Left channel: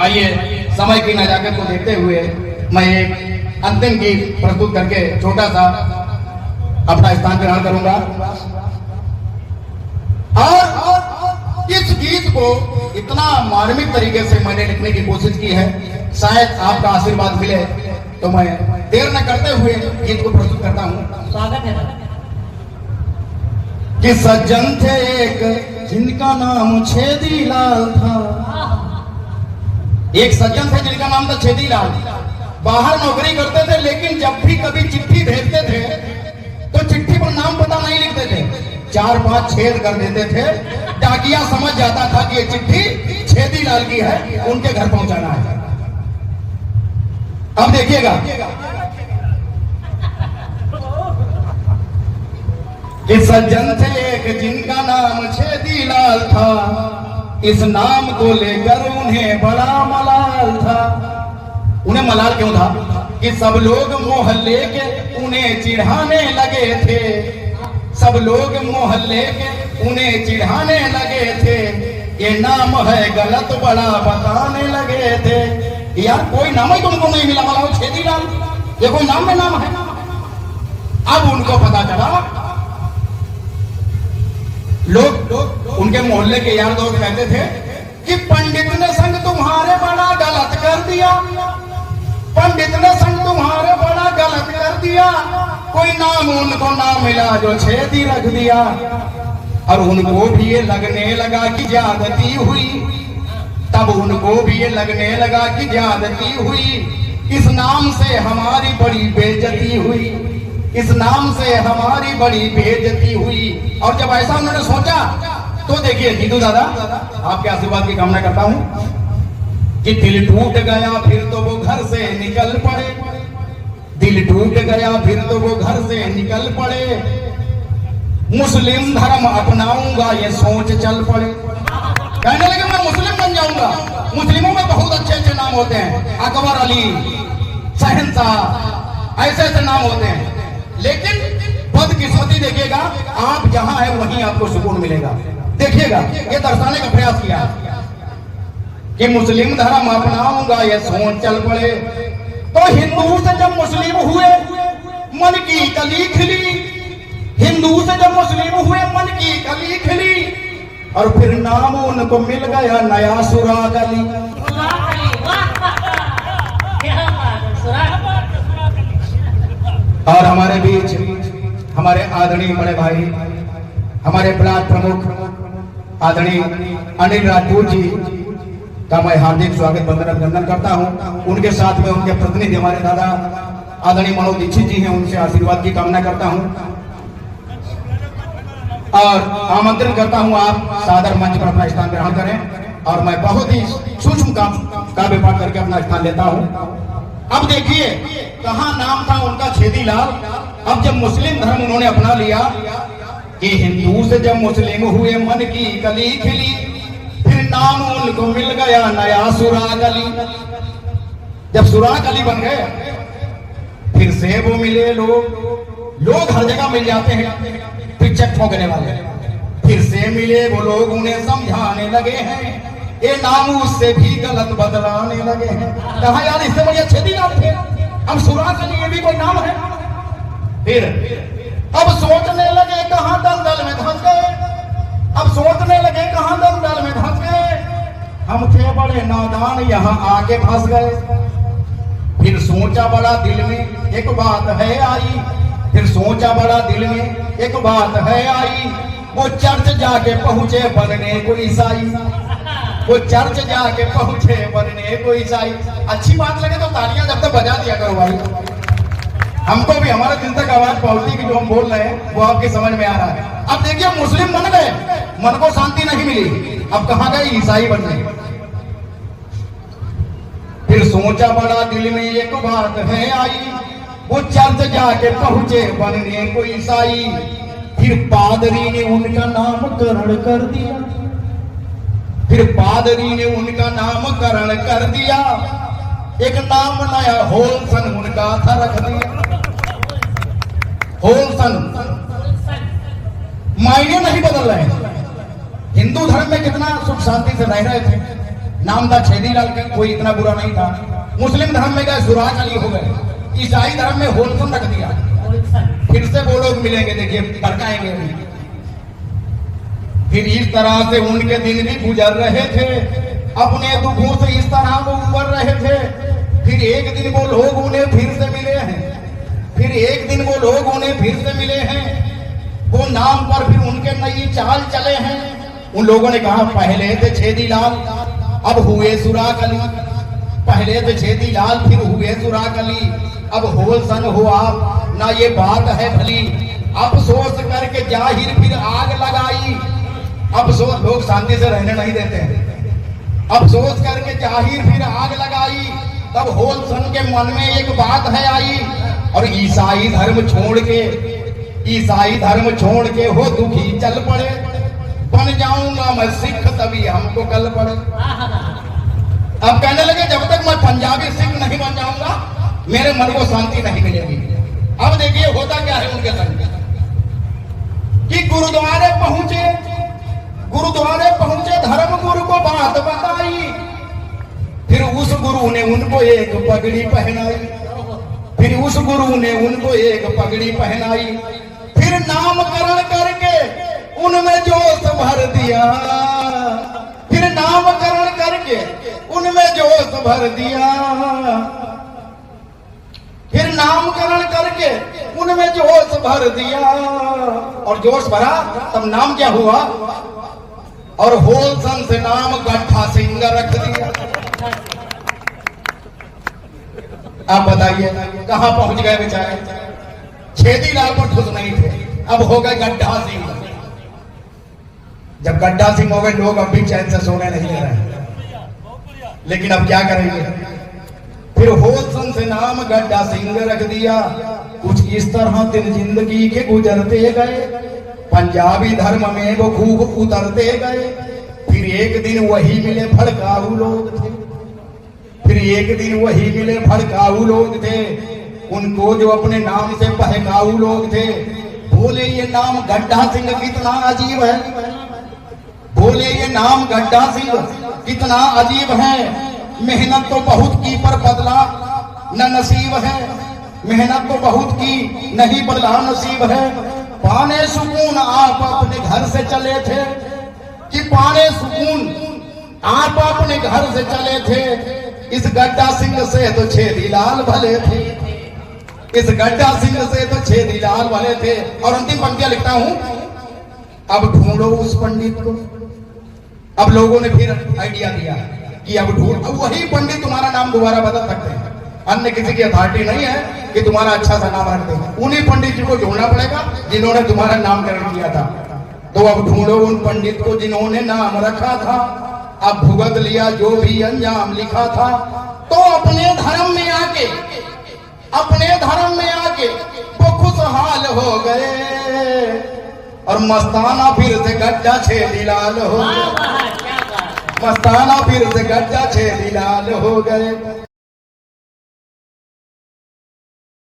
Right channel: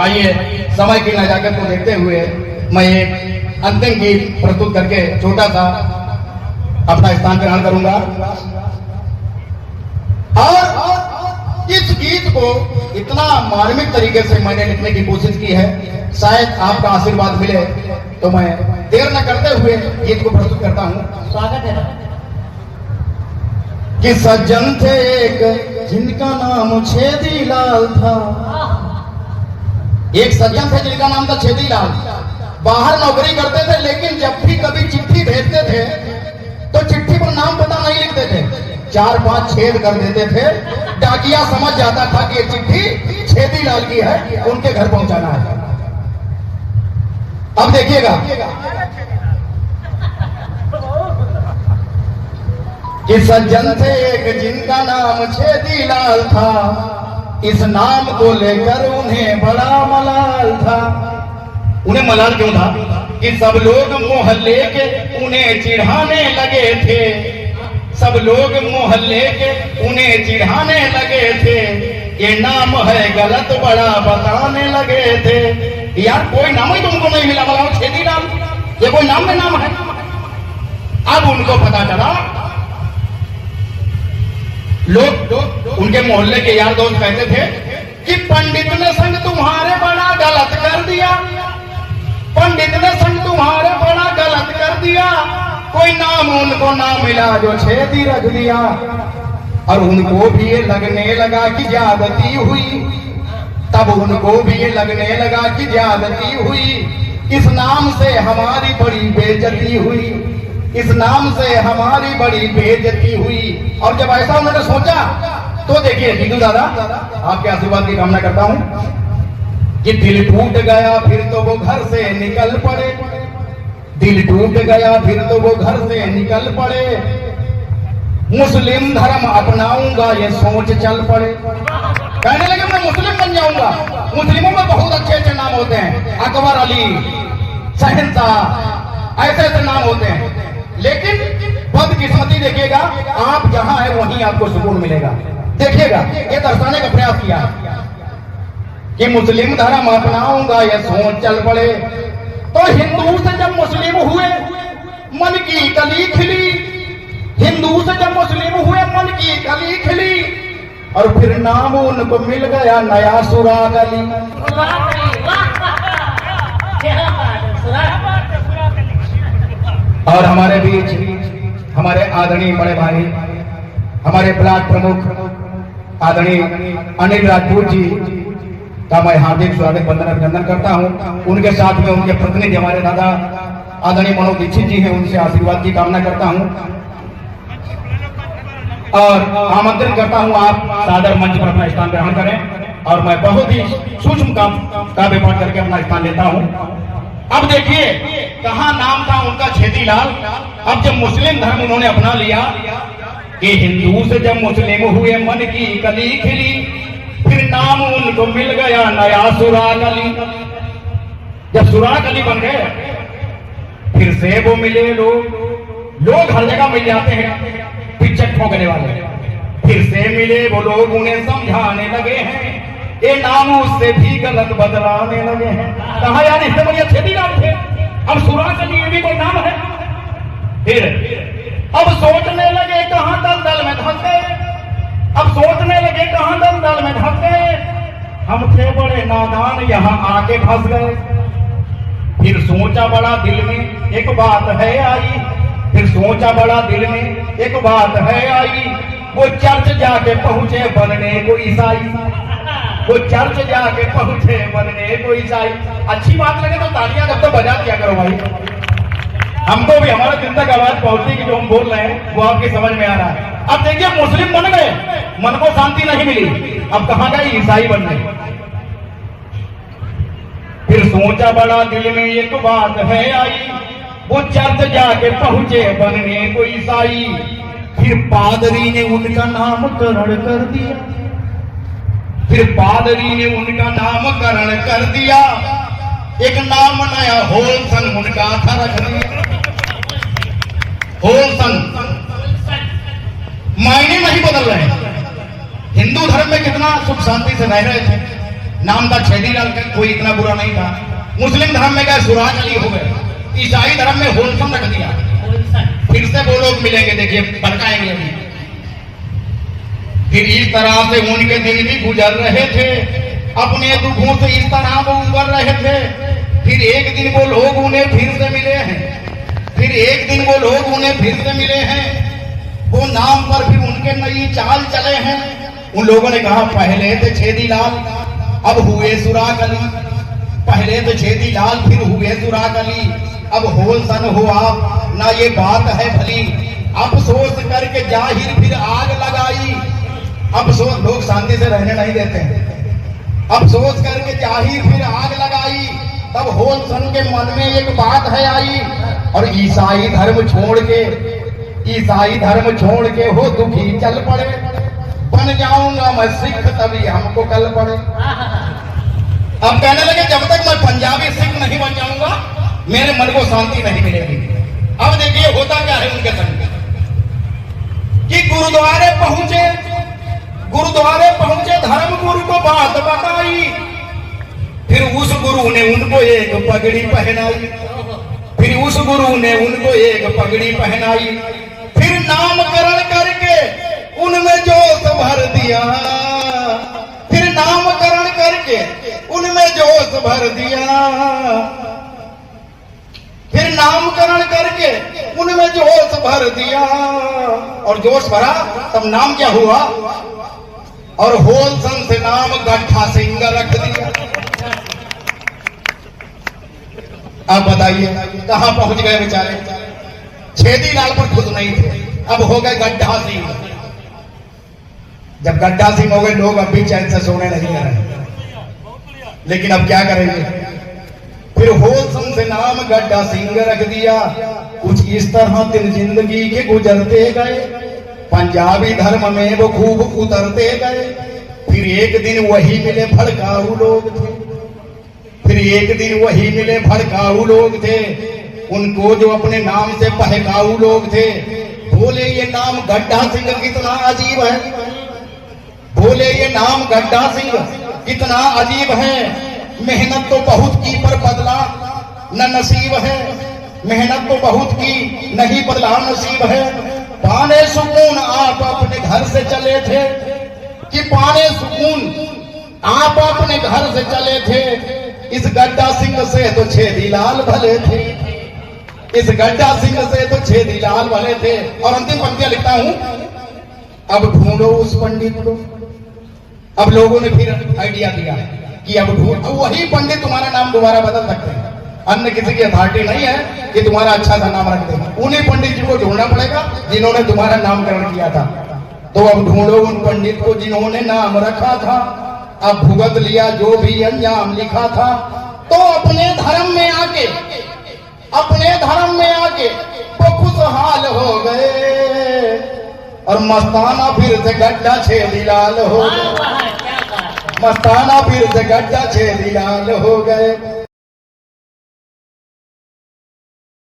आइए समय की नजाकत को देखते हुए मैं एक अंतिम गीत प्रस्तुत करके छोटा सा अपना स्थान ग्रहण करूंगा। और इस गीत को इतना मार्मिक तरीके से मैंने लिखने की कोशिश की है, शायद आपका आशीर्वाद मिले, तो मैं देर न करते हुए गीत को प्रस्तुत करता हूं। स्वागत है कि सज्जन थे एक जिनका नाम छेदी लाल था। एक सज्जन थे जिनका नाम था छेदी लाल। बाहर नौकरी करते थे, लेकिन जब भी कभी चिट्ठी भेजते थे तो चिट्ठी पर नाम पता नहीं लिखते थे, 4-5 छेद कर देते थे। डाकिया समझ जाता था कि ये चिट्ठी छेदी लाल की है, उनके घर पहुंचाना है। अब देखिएगा कि सज्जन थे एक जिनका नाम छेदी लाल था, इस नाम को लेकर उन्हें बड़ा मलाल था। उन्हें मलाल क्यों था? कि सब लोग मोहल्ले के उन्हें चिढ़ाने लगे थे। सब लोग मोहल्ले के उन्हें चिढ़ाने लगे थे। ये नाम है गलत बड़ा बताने लगे थे। यार कोई नाम ही तुमको नहीं मिला, बताओ छेदी लाल ये कोई नाम में नाम है? अब उनको पता चला, लोग उनके मोहल्ले के यार दोस्त कहते थे कि पंडित ने संग तुम्हारे बड़ा गलत कर दिया, पंडित ने संग तुम्हारे बड़ा गलत कर दिया। कोई नाम उनको ना मिला जो छेदी रख दिया। और उनको भी ये लगने लगा कि ज्यादती हुई, तब उनको भी ये लगने लगा कि ज्यादती हुई। इस नाम से हमारी बड़ी बेइज्जती हुई, इस नाम से हमारी बड़ी बेइज्जती हुई। और जब ऐसा उन्होंने सोचा तो देखिए दीदू दादा, आपके आशीर्वाद की कामना करता हूं कि दिल टूट गया फिर तो वो घर से निकल पड़े। दिल टूट गया फिर तो वो घर से निकल पड़े। मुस्लिम धर्म अपनाऊंगा ये सोच चल पड़े। कहने लगे मैं मुस्लिम बन जाऊंगा। मुस्लिमों में बहुत अच्छे अच्छे नाम होते हैं, अकबर अली, शहंशाह, ऐसे ऐसे नाम होते हैं। लेकिन बदकिस्मती देखिएगा, आप जहां है वहीं आपको सुकून मिलेगा। देखिएगा ये दर्शाने का प्रयास किया कि मुस्लिम धर्म अपनाऊंगा ये सोच चल पड़े। तो हिंदू से जब मुस्लिम हुए मन की कली खिली, हिंदू से जब मुस्लिम हुए मन की कली खिली। और फिर नाम उनको मिल गया नया सुराग अली। और हमारे बीच हमारे आदरणीय बड़े भाई, हमारे ब्लॉक प्रमुख आदरणीय अनिल राजपूत जी का मैं हार्दिक स्वागत वंदन अभिनंदन करता हूं। उनके साथ में उनके प्रतिनिधि हमारे दादा आदरणीय मनोज दीक्षित जी हैं, उनसे आशीर्वाद की कामना करता हूं और आमंत्रित करता हूं आप सादर मंच पर अपना स्थान ग्रहण करें। और मैं बहुत ही सूक्ष्म काव्य पाठ करके अपना स्थान लेता हूं। अब देखिए कहां नाम था उनका छेदी लाल। अब जब मुस्लिम धर्म उन्होंने अपना लिया कि हिंदू से जब मुस्लिम हुए मन की कली खिली, फिर नाम उनको मिल गया नया सुराग अली। जब सुराग अली बन गए फिर से वो मिले लोग हर जगह मिल जाते हैं पिचक ठोकने वाले। फिर से मिले वो लोग, उन्हें समझाने लगे हैं ये नाम उससे भी गलत बदलाने लगे हैं। कहा यार इससे बढ़िया छेदी लाल थे, अब सुराग अली ये भी कोई नाम है। फिर अब सोचने लगे कहां दलदल में धंस गए, अब सोचने लगे कहां दलदल में धंस गए। हम थे बड़े नादान यहां आके फंस गए। फिर सोचा बड़ा दिल में एक बात है आई, फिर सोचा बड़ा दिल में एक बात है आई। वो चर्च जाके पहुंचे बनने को ईसाई, वो चर्च जाके पहुंचे बनने को ईसाई। अच्छी बात लगे तो तालियां जब तक बजा दिया करो भाई, हमको भी हमारे दिल तक आवाज पहुंचती कि जो हम बोल रहे हैं वो आपकी समझ में आ रहा है। अब देखिए मुस्लिम बन गए, मन को शांति नहीं मिली, अब कहां गए? ईसाई बन गए। फिर सोचा बड़ा दिल में एक बात है आई, वो चर्च जाके पहुंचे बनने को ईसाई। फिर पादरी ने उनका नामकरण कर दिया, फिर पादरी ने उनका नामकरण कर दिया। एक नाम नया होलसन उनका था रख दिया। होलसन मायने नहीं बदल रहे। हिंदू धर्म में कितना सुख शांति से रह रहे थे, नाम था छेदीलाल, कोई इतना बुरा नहीं था। मुस्लिम धर्म में गए सुराज अली हो गए, ईसाई धर्म में होलसन रख दिया। फिर से वो लोग मिलेंगे, देखिए भड़काएंगे अभी। फिर इस तरह से उनके दिन भी गुजर रहे थे, अपने दुखों से इस तरह वो उबर रहे थे। फिर एक दिन वो लोग उन्हें फिर से मिले हैं, फिर एक दिन वो लोग उन्हें फिर से मिले हैं। वो नाम पर फिर उनके नई चाल चले हैं। उन लोगों ने कहा पहले थे छेदीलाल, अब हुए सुराग अली। पहले थे छेदीलाल, फिर हुए सुराग अली, अब होलसन हो आप, ना ये बात है भली। अफसोस करके जाहिर फिर आग लगाई। अफसोस, लोग शांति से रहने नहीं देते हैं। अफसोस करके जाहिर फिर आग लगाई। तब होलसन के मन में एक बात है आई, और ईसाई धर्म छोड़ के, ईसाई धर्म छोड़ के हो दुखी चल पड़े। बन जाऊंगा मैं सिख तभी हमको कल पड़े। अब कहने लगे जब तक मैं पंजाबी सिख नहीं बन जाऊंगा मेरे मन को शांति नहीं मिलेगी। अब देखिए होता क्या है उनके संग कि गुरुद्वारे पहुंचे, गुरुद्वारे पहुंचे, धर्म गुरु को बात बताई। फिर उस गुरु ने उनको एक पगड़ी पहनाई, फिर उस गुरु ने उनको एक पगड़ी पहनाई। फिर नामकरण करके उनमें जोश भर दिया, फिर नामकरण करके उनमें जोश भर दिया, फिर नामकरण करके उनमें जोश भर दिया। और जोश भरा तब नाम क्या हुआ, और होलसन से नाम गड्ढा सिंह रख दिया। आप बताइए कहां पहुंच गए बेचारे। छेदीलाल पर खुश नहीं थे, अब हो गए गड्ढा सिंह। जब गड्ढा सिंह हो गए लोग अब भी चैन से सोने नहीं दे रहे, लेकिन अब क्या करेंगे। फिर होलसन से नाम गड्ढा सिंह रख दिया। कुछ इस तरह दिन जिंदगी के गुजरते गए, पंजाबी धर्म में वो खूब उतरते गए। फिर एक दिन वही मिले भड़काऊ लोग थे, फिर एक दिन वही मिले भड़काऊ लोग थे। उनको जो अपने नाम से बहकाऊ लोग थे, बोले ये नाम गड्ढा सिंह कितना अजीब है, बोले ये नाम गड्ढा सिंह कितना अजीब है। मेहनत तो बहुत की पर बदला न नसीब है, मेहनत तो बहुत की नहीं बदला नसीब है। पाने सुकून आप अपने घर से चले थे, कि पाने सुकून आप अपने घर से चले थे। इस गड्ढा सिंह से तो छेदीलाल भले थे, इस गड्ढा सिंह से तो छेदीलाल भले थे। और अंतिम पंक्तियां लिखता हूं, अब ढूंढो उस पंडित को। अब लोगों ने फिर आइडिया दिया कि अब ढूंढ, वही पंडित तुम्हारा नाम दोबारा बदल सकते हैं, अन्य किसी की अथॉरिटी नहीं है कि तुम्हारा अच्छा सा नाम रख दे। उन्हीं पंडित जी को ढूंढना पड़ेगा जिन्होंने तुम्हारा नामकरण किया था। तो अब ढूंढो उन पंडित को जिन्होंने नाम रखा था, अब भुगत लिया जो भी अंजाम लिखा था। तो अपने धर्म में आके, अपने धर्म में आके वो खुशहाल हो गए, और मस्ताना फिर से गड्ढा छेदीलाल हो गए, मस्ताना फिर से गड्ढा छेदीलाल हो गए।